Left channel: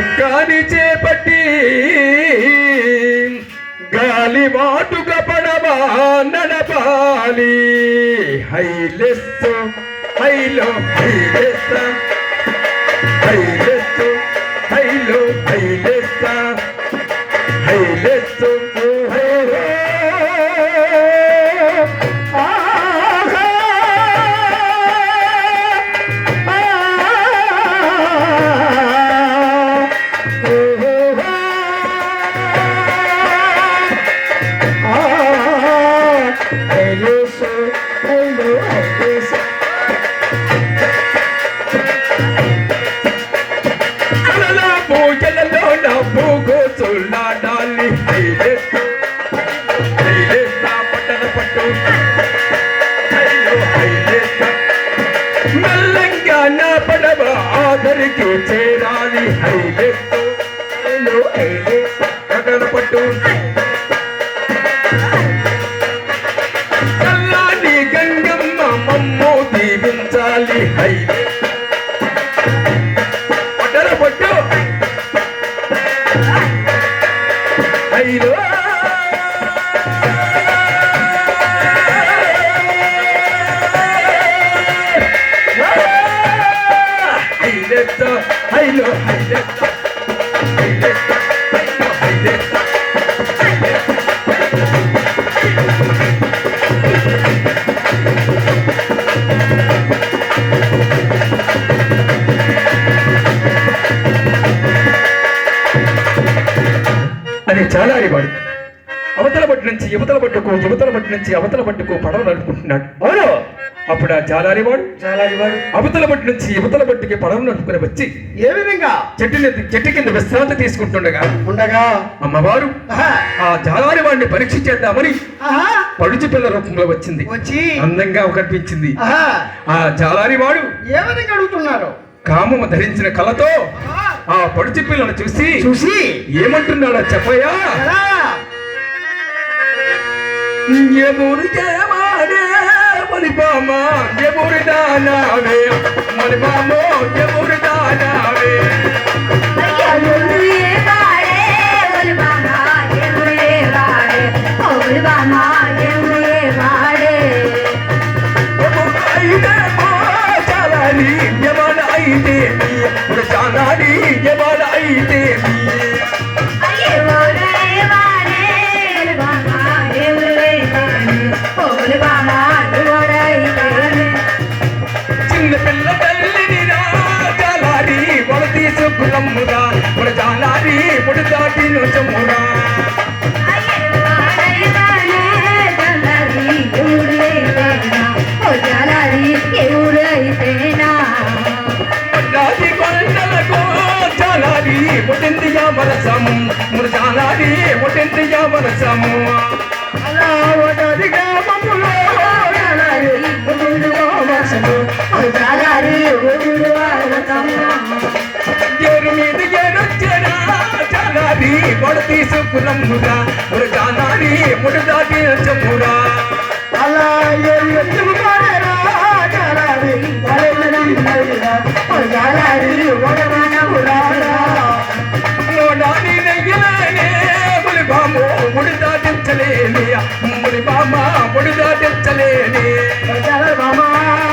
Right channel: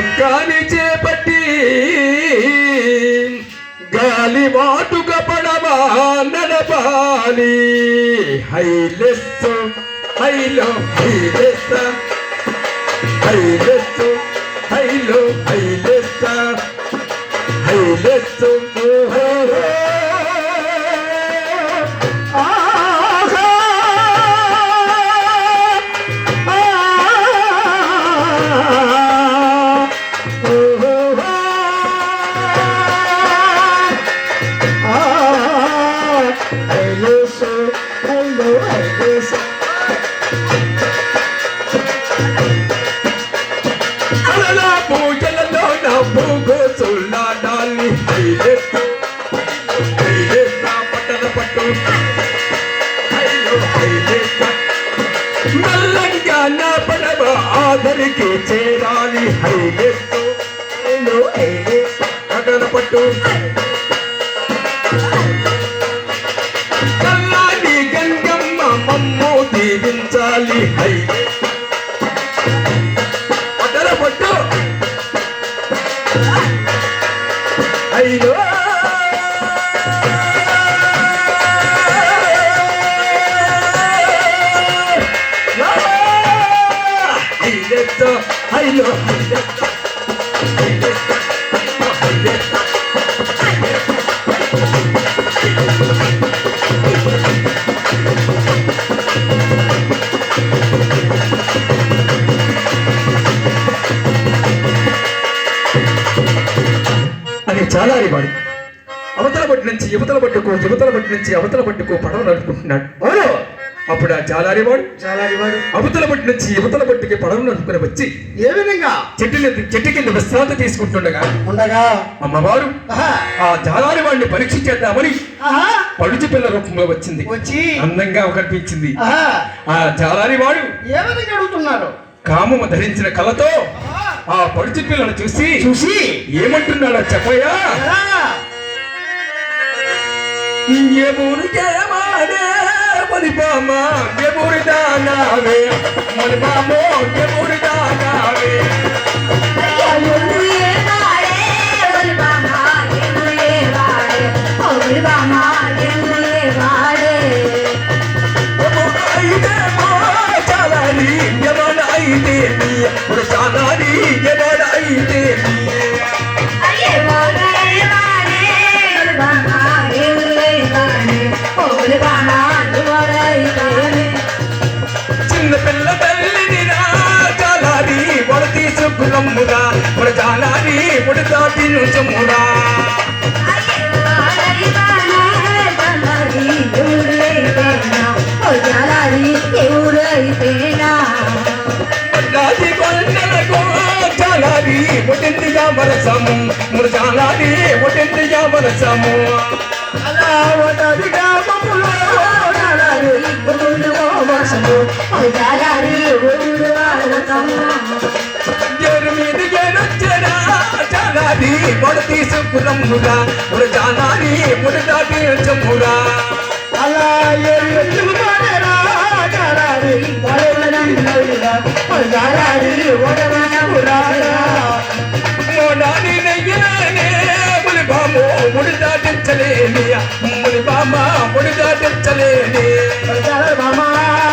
చుక్కాని చేపట్టి గాలి వాటుక పడవా నడపాలి. హైలెస్ హైలో హైలెస్స Hey, hey. నుంచి అవతల పట్టుకో పడవ నడుపుకుంటున్నాడు అవును. అప్పుడు ఆ జాలారివాడు చాలారివాడు అవతల బట్టి నుంచి యువతల బట్టికి పడవ నడుపుకుని వచ్చి ఏ విధంగా? చెట్టు చెట్టు కింద విశ్రాంతి తీసుకుంటుండగా ఉండగా? అమ్మవారు ఆ జాలారి వాడిని పరీక్ష చేద్దామని పడుచు పిల్ల రూపంలో వచ్చింది. వచ్చి అందంగా కనిపించింది. ఆ జాలారి వాడు ఏ విధంగా అడుగుతున్నారు? కామము ధరించిన కళతో ఆహా, ఆ పడుచు పిల్లను చూసి చూసి ఏమంటున్నాడో చెప్పయ్యా ये मुर्गे मारे मलबामा ये मुर्दा नावे मलबामो ये मुर्दा नावे Yeah. తీసుకురమ్మురా ఇప్పుడు చాలారి ముడి దాటి నుంచమురా ఎవరైతేనా దాటి కొండలకు చాలారి ముడిందిగా వరసము ముడు చాలారి ముడిందిగా వరసము అలా ఒకటిగా మమ్ములో చాలారి వడ తీసుకురమ్మురా ముడు చాలారి ముడి దాటి నుంచమురా అలా ఏరు ఎత్తులు పారేరా, చాలారి, నాని నెయ్యనే ముడి బాము ముడి దాటించలేని ముడి బామ ముడి దాటించలేని చాలారి మామా. చాలారి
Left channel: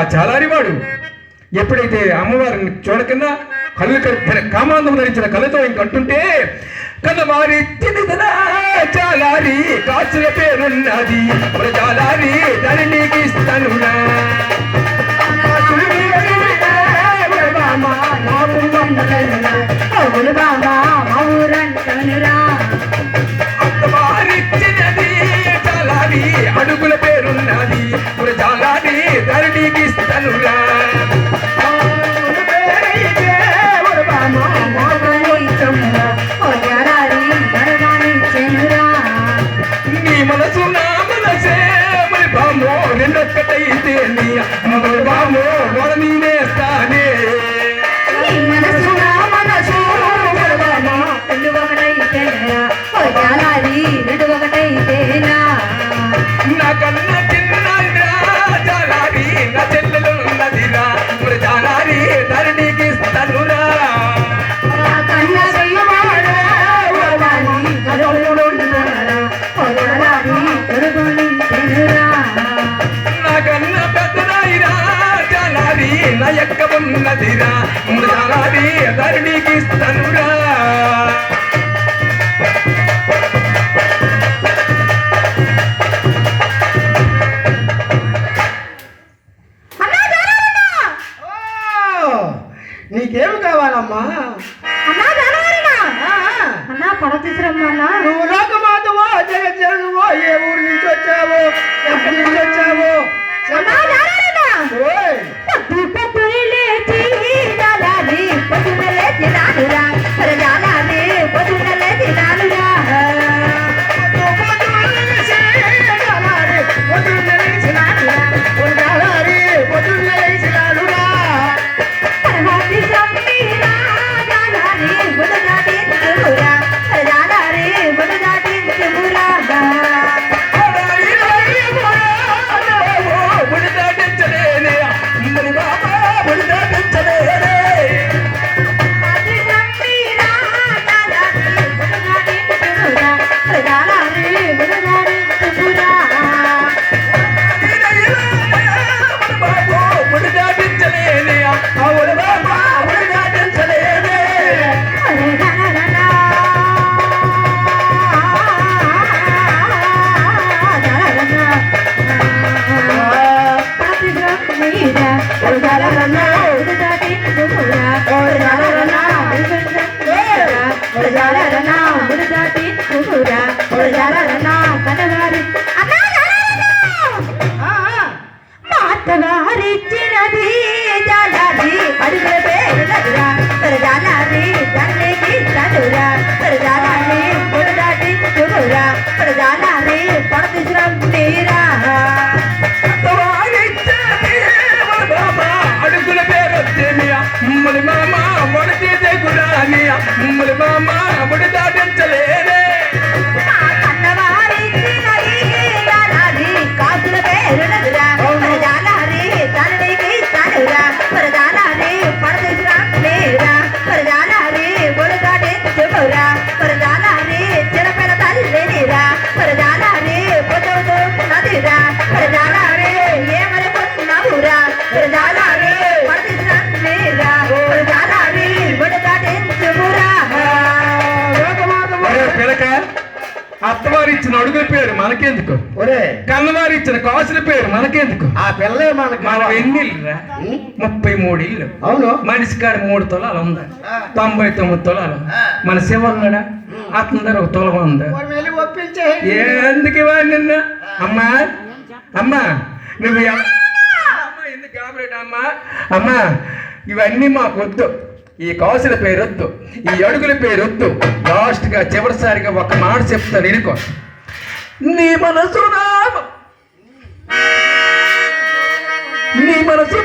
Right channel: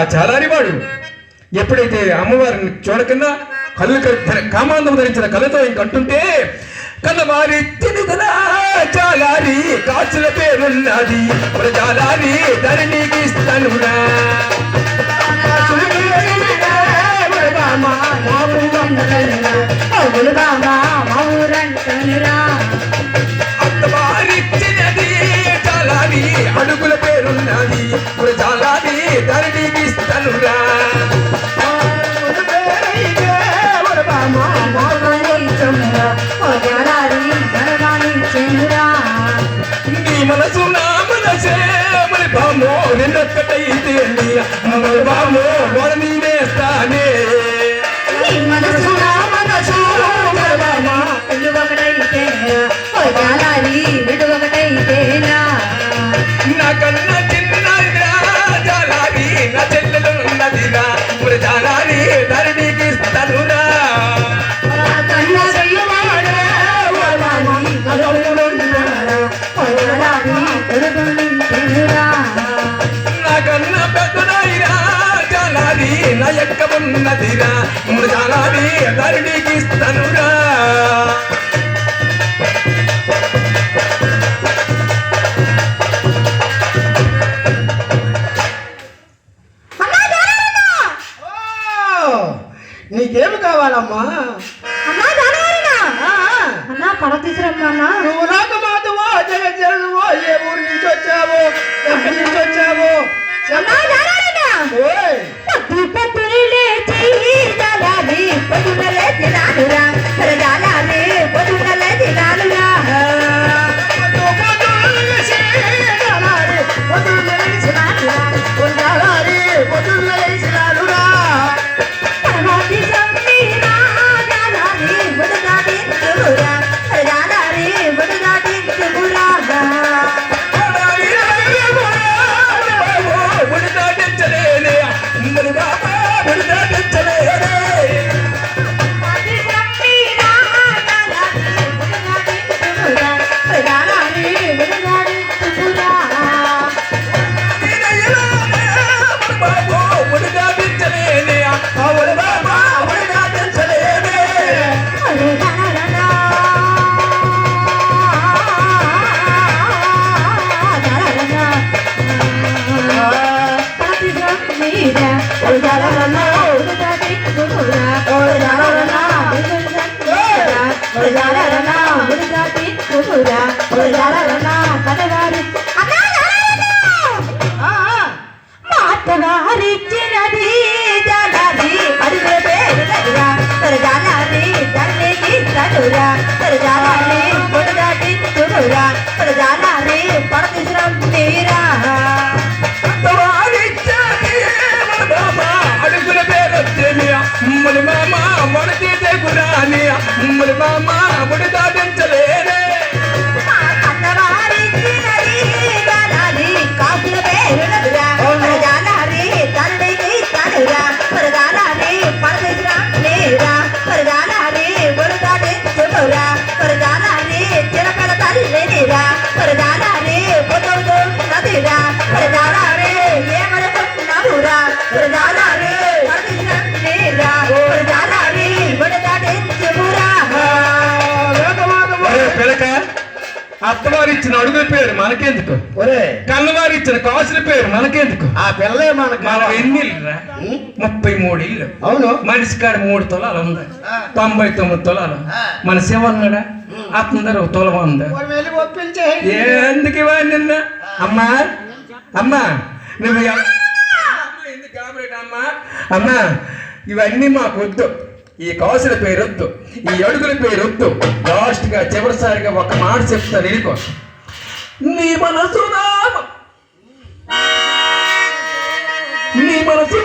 ఇంకా చాలారివాడు. ఎప్పుడైతే అమ్మవారిని చూడకుండా కళ్ళు క- కామాంధం ధరించిన కళ్ళతో ఇంకంటుంటే కన్నవారి తిదిదనా చాలారి కాసుల పేరున్నది మరి చాలారి ధరణికి ఇస్తానురా. అత్తవారిచ్చినది జీవిస్తనురా నీ మనసు నా మనసే మరి బామో నిన్నొక్కటైతే నీ మరి బామో వాళ్ళ నేనేస్తానే మనసు నా మనసు ఒకటైతే నా కన్నా ఉన్నదిరా. మృదాలాది ఎదరిడికి ఇస్తానురా నీకేమి కావాలమ్మా? అన్నా పడ తీసురమ్మా నువ్వు నాకు మాధవో జగ జనువో ఏ ఊరు నుంచి వచ్చావో? ఎక్కడి నుంచి వచ్చావో? Yeah. உங்கள் மாமா முடிதா అత్తవారిచ్చిన అడుగు పేరు మనకెందుకు? ఒరే. కన్నవారిచ్చిన కాసుల పేరు మనకెందుకు? ఆ పిల్లే మనకు మనం ఎన్ని ముప్పై మూడు ఇల్లు అవును. మనిషి కాడ మూడు తొలాలు ఉంది? తొంభై తొమ్మిది తొలాలు. మన శివన్నాడా? అతను తొలవ ఉంది? ఎందుకు నిన్న. అమ్మా. అమ్మా. నువ్వు అమ్మా ఇవన్నీ మాకు వద్దు. ఈ కాసుల పేరొద్దు ఈ అడుగుల పేరొద్దు లాస్ట్గా చివరిసారిగా ఒక మాట చెప్తా నేను నీ మనసు నీ మనసు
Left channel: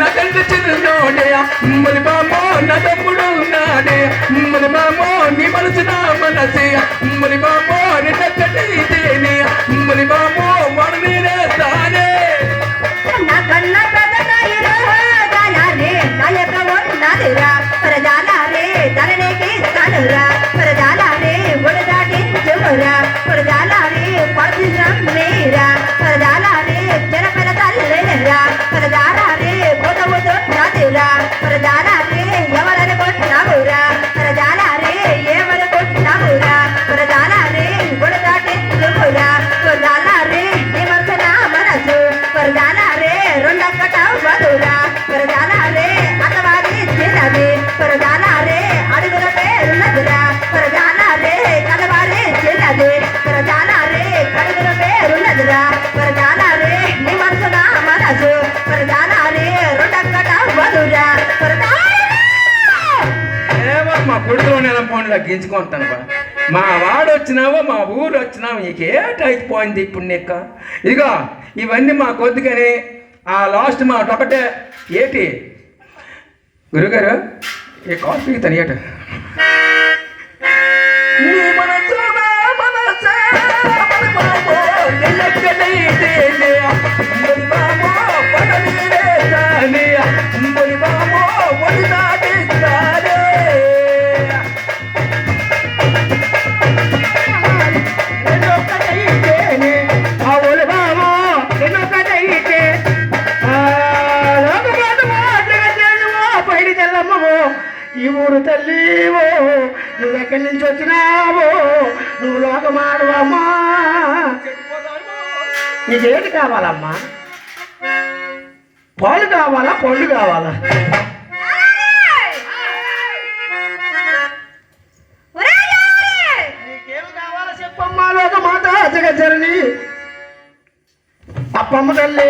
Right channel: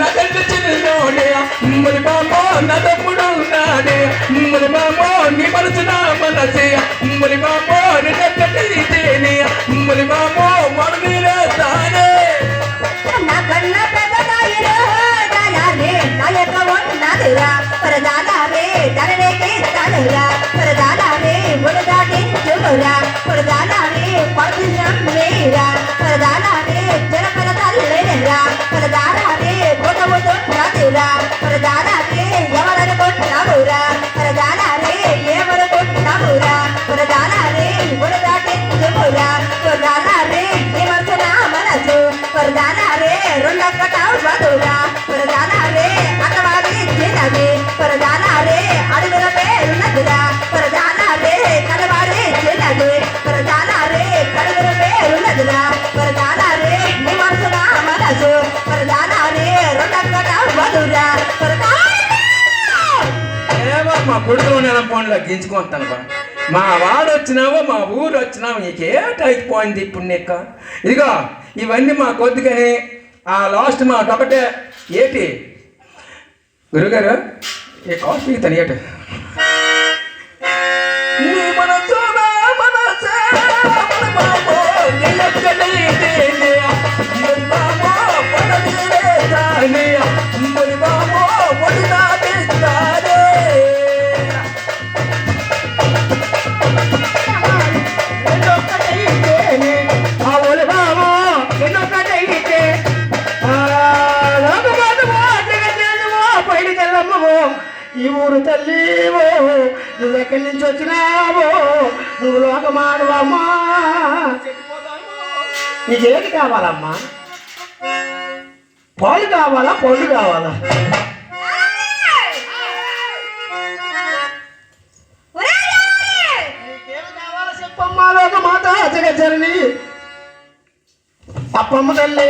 నా తండ్రి చిన్నోడే. మరి బామో నా తమ్ముడు ఉన్నాడే. మరి బామో నీ మనసు నా మనసే. మరి బామో నీ తండ్రి ఇదేనే మరి బామో వాడు నేను తానే. నాకన్నా పెద్దదాయిరే దానాలే నా యొక్క ఉన్నదిరా ప్రధానాలే కొడుకు నెల ఫోన్లో గించుకుంటాను బా మా వాడు వచ్చినావో మా ఊరు వచ్చినావు నీకేటైపోయింది ఇప్పుడు నీకు. ఇక ఇవన్నీ మా కొద్దిగానే ఆ లాస్ట్ మా ఒకటే. ఏటి? గురుగారు ఈ కాఫీ తనియట నీ మనసే, ఎక్కడి నువ్వు లోకమానవమ్మా. నీకేంటి కావాలమ్మా? పాలు కావాలా? పళ్ళు కావాలా? నీకేం కావాలో చెప్పమ్మా? లోకమాత జగజ్జనని అప్పమ్మ తల్లి.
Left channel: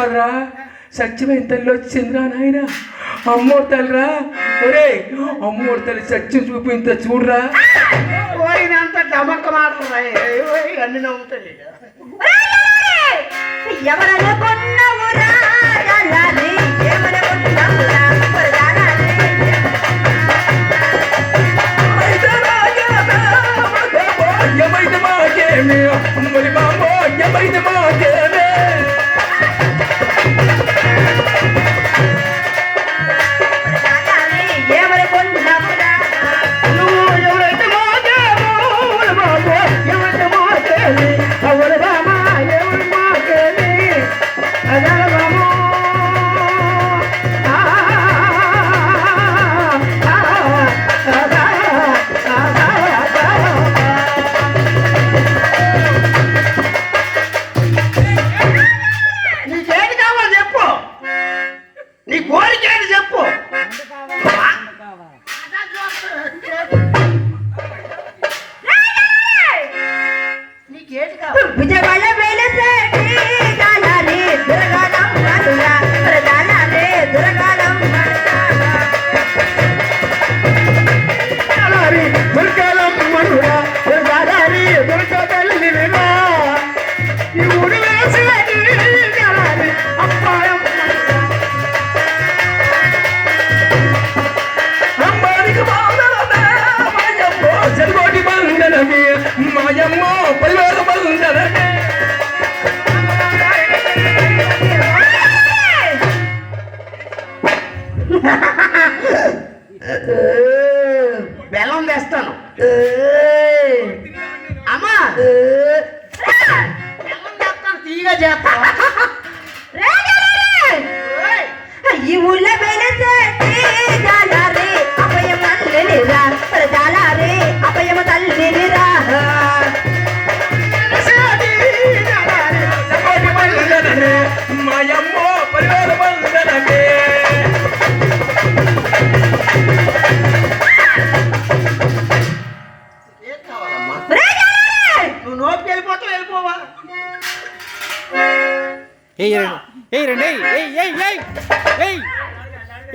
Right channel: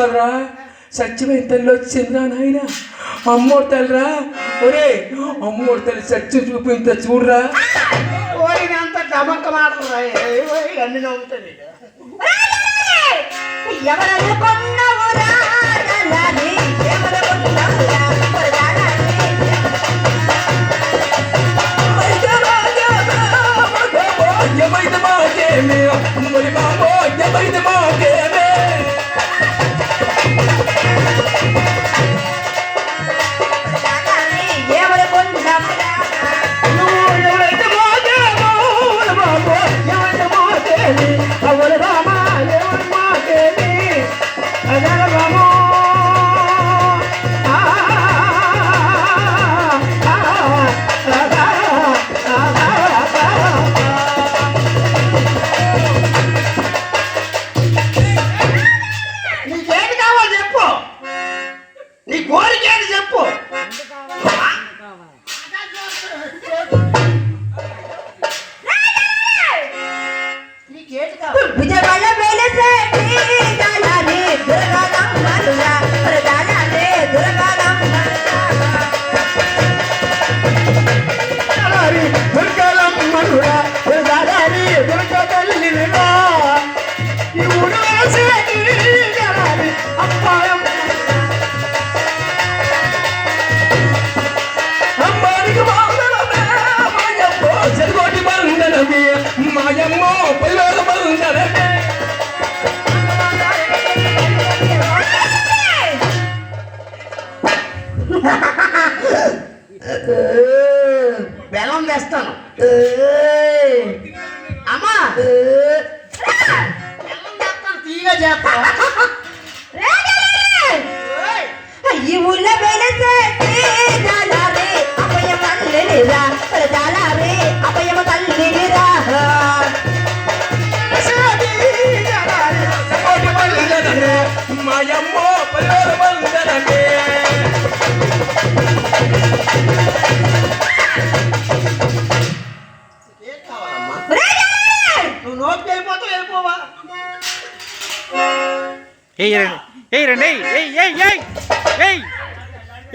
కాదురా సత్యమైన తల్లి వచ్చిందిరా నాయన. అమ్మోడి తల్లిరా ఒరే అమ్మోడి తల్లి సత్యం చూపించ చూడరా. పోయినంత డమక్క మాటలు అన్ని నవ్వుతుంది ఎవరను మాకేమి మరి Another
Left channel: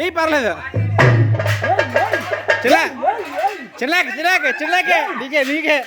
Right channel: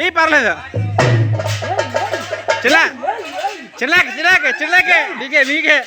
ఏయ్ పర్లేదు. చిల్లా. చిల్లాకి చిల్లాకి చిల్లాకే. నీకే నీకే.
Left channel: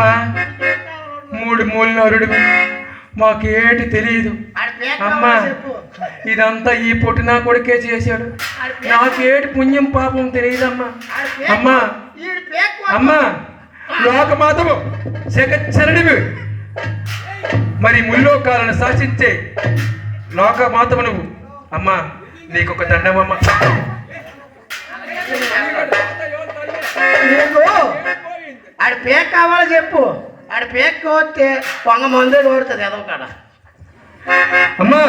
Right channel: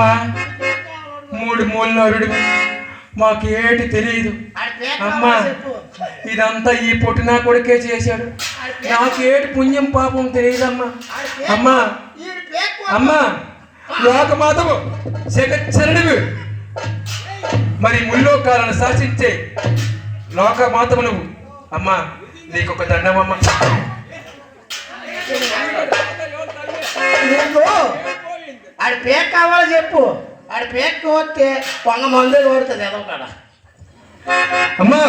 అమ్మా. మూడు మూడు నరుడు మాకేటి తెలియదు ఆడి పేరు అమ్మా ఇదంతా ఈ పుట్టినా కొడుకే చేశాడు. నాకేటి పుణ్యం పాపం తెలియదమ్మా. అమ్మా. అమ్మా లోకమాతవు జగచ్చరణివి మరి ముల్లోకాలను శాసించే లోకమాతవు నువ్వు. అమ్మా నీకొక దండమమ్మ నీకు ఆడి పేరు కావాలి చెప్పు. ఆడి పేరు వస్తే కొంగ మందే కొడుతుంది ఏదో కాడ? అమ్మా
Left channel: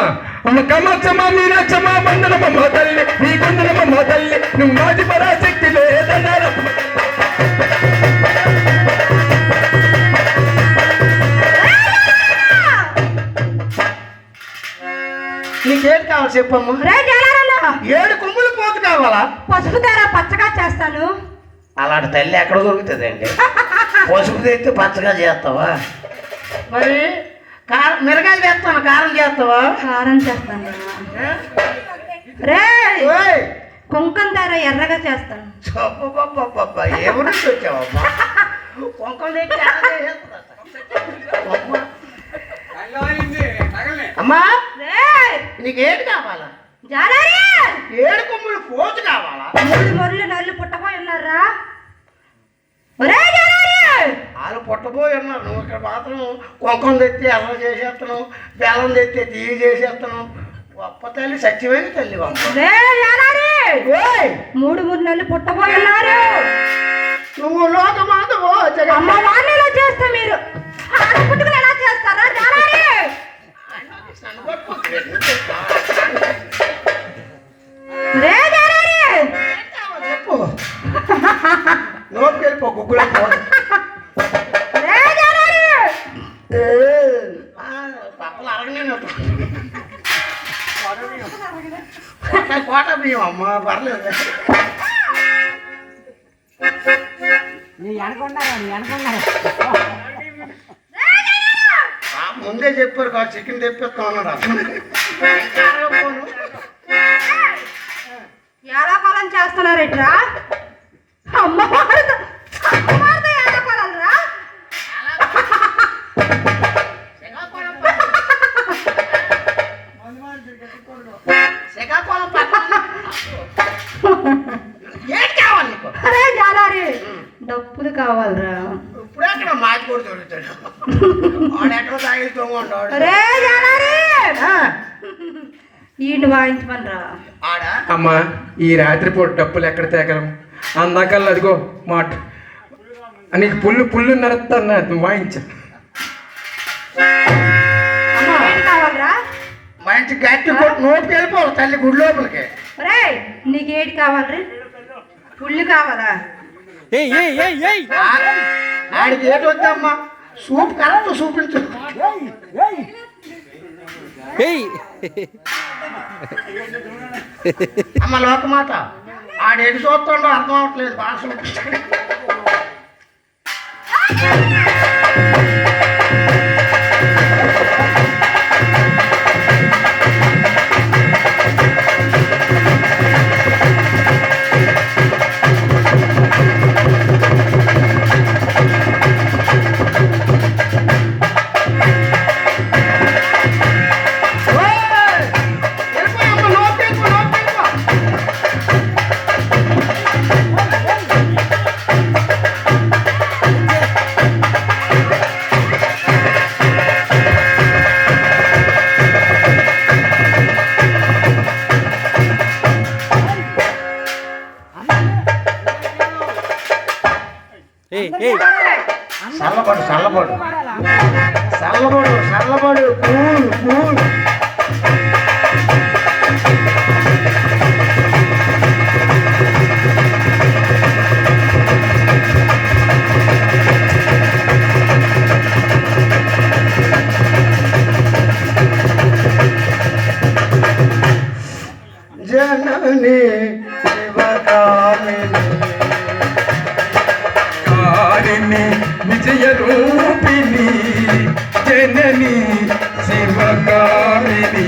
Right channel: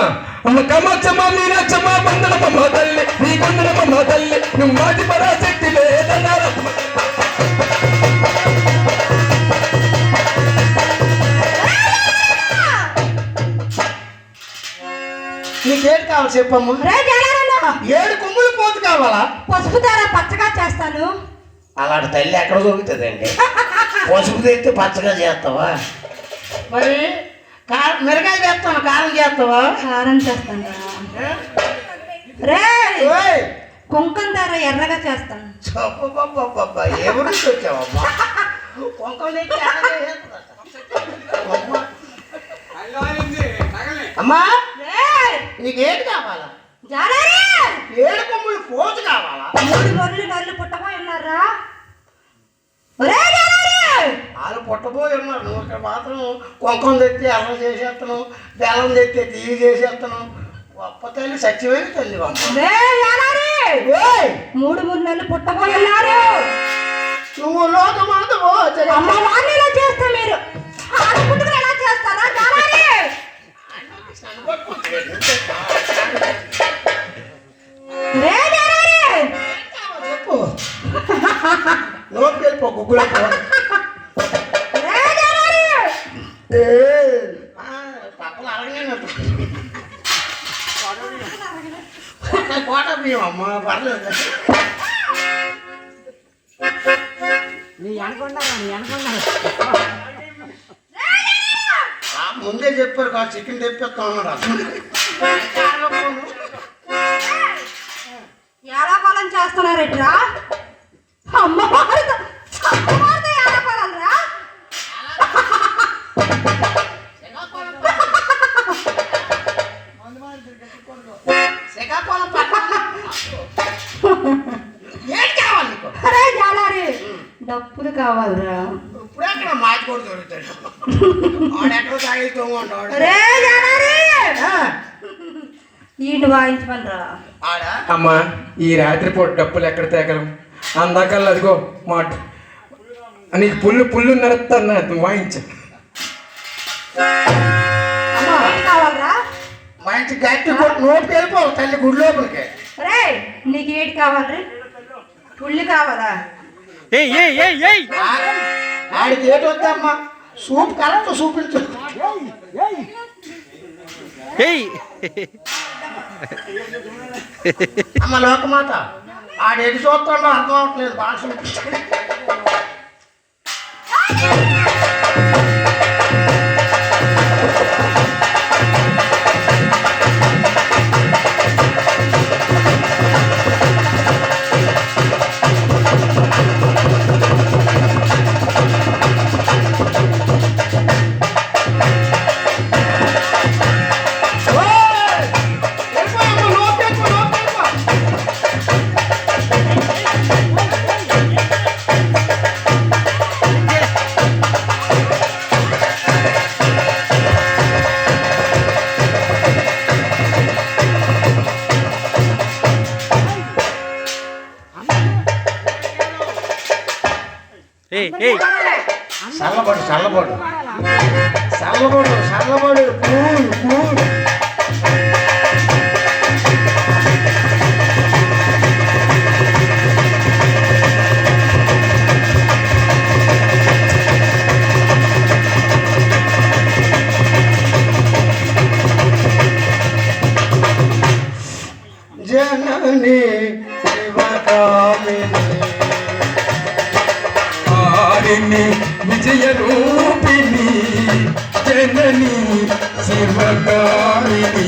అమ్మ కమ్మచ్చమ్మ మీనాచ్చమ్మ బంధనమ్మ తల్లి నీ కుందనమ్మ తల్లి నువ్వు మాటి పరాశక్తి వేదనారమ్మ నీకేం కావాలి చెప్పమ్మా? ఏడు కొమ్ములు పోతు కావాలా? పసుపు దార పచ్చగా చేస్తాను. అలాంటి తల్లి ఎక్కడ దొరుకుతుందండి? పసుపు తెచ్చి పచ్చగా చేస్తావా? మరి కారం మిరగాయలు చేస్తాను కారం చేస్తావా? కారం చేస్తాను? రే. ఓయ్! కుంకం ధర ఎర్రగా చేస్తాను. నుంచి వచ్చావమ్మా? చేసేస్తున్నా? అమ్మా. నీకేంటి కావాలా? ఏడు కొమ్ములు పోతు కావాలా? ఉన్నారా వాళ్ళు పుట్టబోయి ఉన్నారు నువ్వు ఇక్కడ మాత్రం కుంకుమ తెచ్చి అల్లం చేసేస్తున్నావు బెల్లం తెచ్చి తీగి చేసేస్తున్నావు గొప్ప తల్లి సత్యమైన తల్లి మూడు మూడు నెలలు పుట్టబోయి ఉన్నారు నువ్వు అమ్మ వాణిలో చేస్తే మీరు. ఎలా చేస్తారా? రే లోపలికి వెళ్ళిపో గుగ్గులో పో. రే జాలారి ఏ, ఆ, పక్కన అరగనేనట్టు. ఒక్క కోట బియ్యం అమ్మ పర్లేదు ఆ, ముందే చెప్పారు కాదు చికెన్ తెప్పిస్తా ఉన్నాడు అసలు. పొలం చేస్తున్నారేట్రా అమ్మవారితో అమ్మవారితో ఎలా పొలం రా శ్రీకాకుళం. ఏంటి కావాలి నీకు? అరే జాలారి డబ్బులు కావాలరా. ఇప్పుడు అక్కడ మాచి కూడా దొరుకుతాడు. ఆడెక్కడ తాగి తొంగుంటాడు అరే జాలారి. ఈయన వాయించమని రా ఆడ? అమ్మా ఈ రాత్రిపూట డప్పులు ఎక్కడ తేగలం? అందాకల్లా అదిగో మాట. నీకు పుల్లు పుల్లు నడుస్తాను నువ్వు వాయించు. మంచి గట్టి కొట్టి నోటికి వెళ్ళిపోవాలి తల్లి గుడి లోపలికి. నీకు ఏంటి కావాలరా? పుల్లు కావాలా? ఏయ్ ఏయ్ ఏయ్ ఏయ్! ఆ- ఆడికి ఏటి వద్దమ్మా? సూప్ కరెక్ట్ చూపించు ఏయ్! అమ్మ ఆడు ఎన్ని చూస్తాడో అర్థం అవట్లేదు భాషలు. చల్లబడు చల్లబడు చల్లబడు చల్లబడు కూల్ కూల్ జనని ఆరిని విజయ రూపిణి జనని శివకామిని